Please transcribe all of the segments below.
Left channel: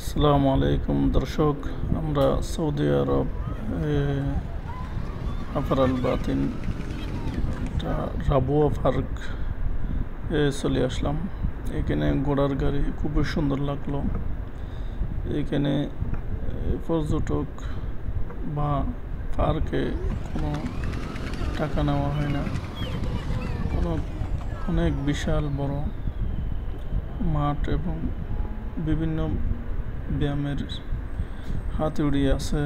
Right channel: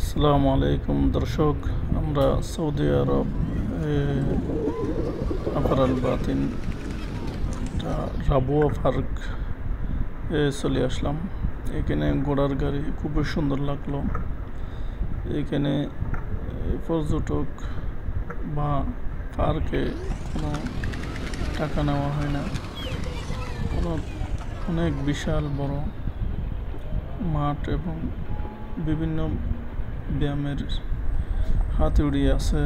আসসালামু আলাইকুম দর্শক, আমরা সৌদি আরব আফারাল বাতিন রাবুয়া পার্ক চলে আসলাম। এখানে ঘোড়ার গাড়ি খুবই সুন্দর লাগলো। এখানে পর্যটক বা পার্কে কোনো টাকা নেওয়া হয় না। অনেক বিশাল বড় মাঠ এবং বিভিন্ন ব্যায়ামের হাতুড়ি আছে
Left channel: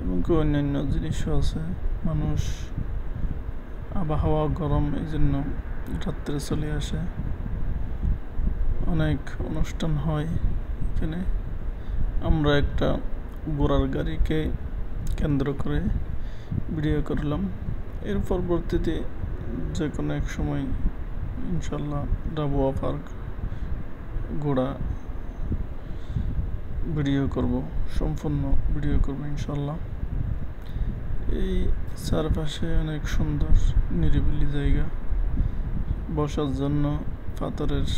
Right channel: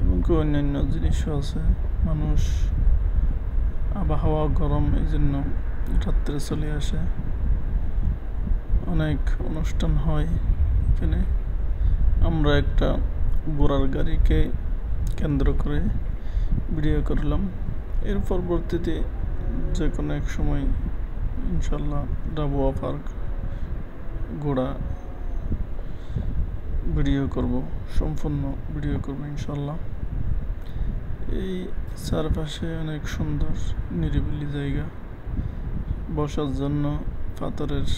এবং অন্যান্য জিনিসও আছে। মানুষ আবহাওয়া গরম, এই জন্য রাত্রে চলে আসে। অনেক অনুষ্ঠান হয় এখানে। আমরা একটা ঘোড়ার গাড়িকে কেন্দ্র করে ভিডিও করলাম। এর পরবর্তীতে যে কোনো এক সময় ইনশাল্লাহ রাবুয়া পার্ক ঘোড়া ভিডিও করব, সম্পূর্ণ ভিডিও করব ইনশাল্লাহ। এই চারপাশে অনেক সুন্দর নিরিবিলি জায়গা, বসার জন্য পাথরের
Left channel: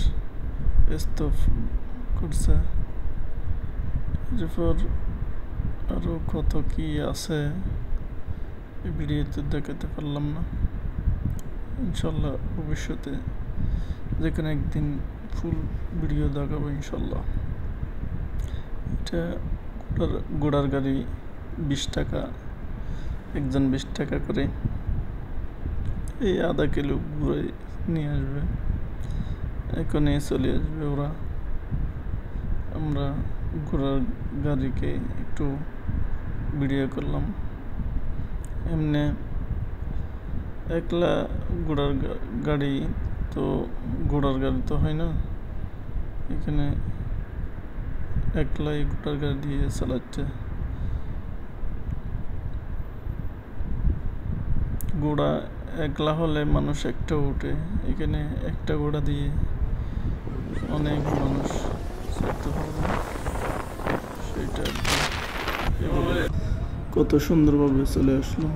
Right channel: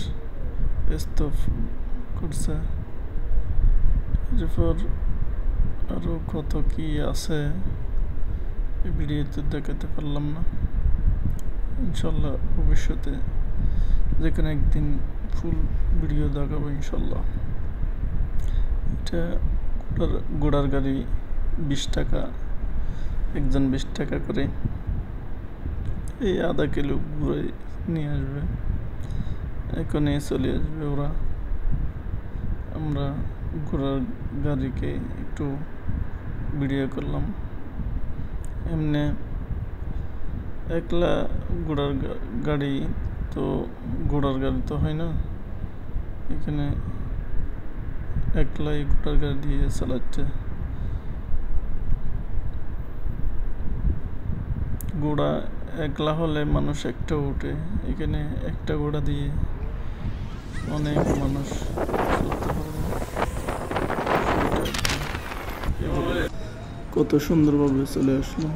স্তূপ করছে। এরপর আরও কত কি আছে এই ভিডিওতে দেখাতে পারলাম না। ইনশাল্লাহ ভবিষ্যতে যে কোনো একদিন ফুল ভিডিও দেখাবো ইনশাল্লাহ। এটা ঘোড়ার গাড়ি 20 টাকা, একজন 20 টাকা করে। এই আধা কিলো ঘুরে নিয়ে আসবে, এখনই চলে আসবে ওরা। আমরা ঘোড়ার গাড়িকে একটু ভিডিও করলাম। এমনি একলা ঘোড়ার গাড়ি তো হয় না। এখানে একলাই ঘোড়ার গাড়ি দিয়ে চালাচ্ছে। ঘোড়া একলা হলে মানুষ একটা উঠে, এখানে একটা ঘোড়া দিয়ে অনেক মানুষ চলতে পারবে। সেটা কত সুন্দরভাবে চলে আসলো।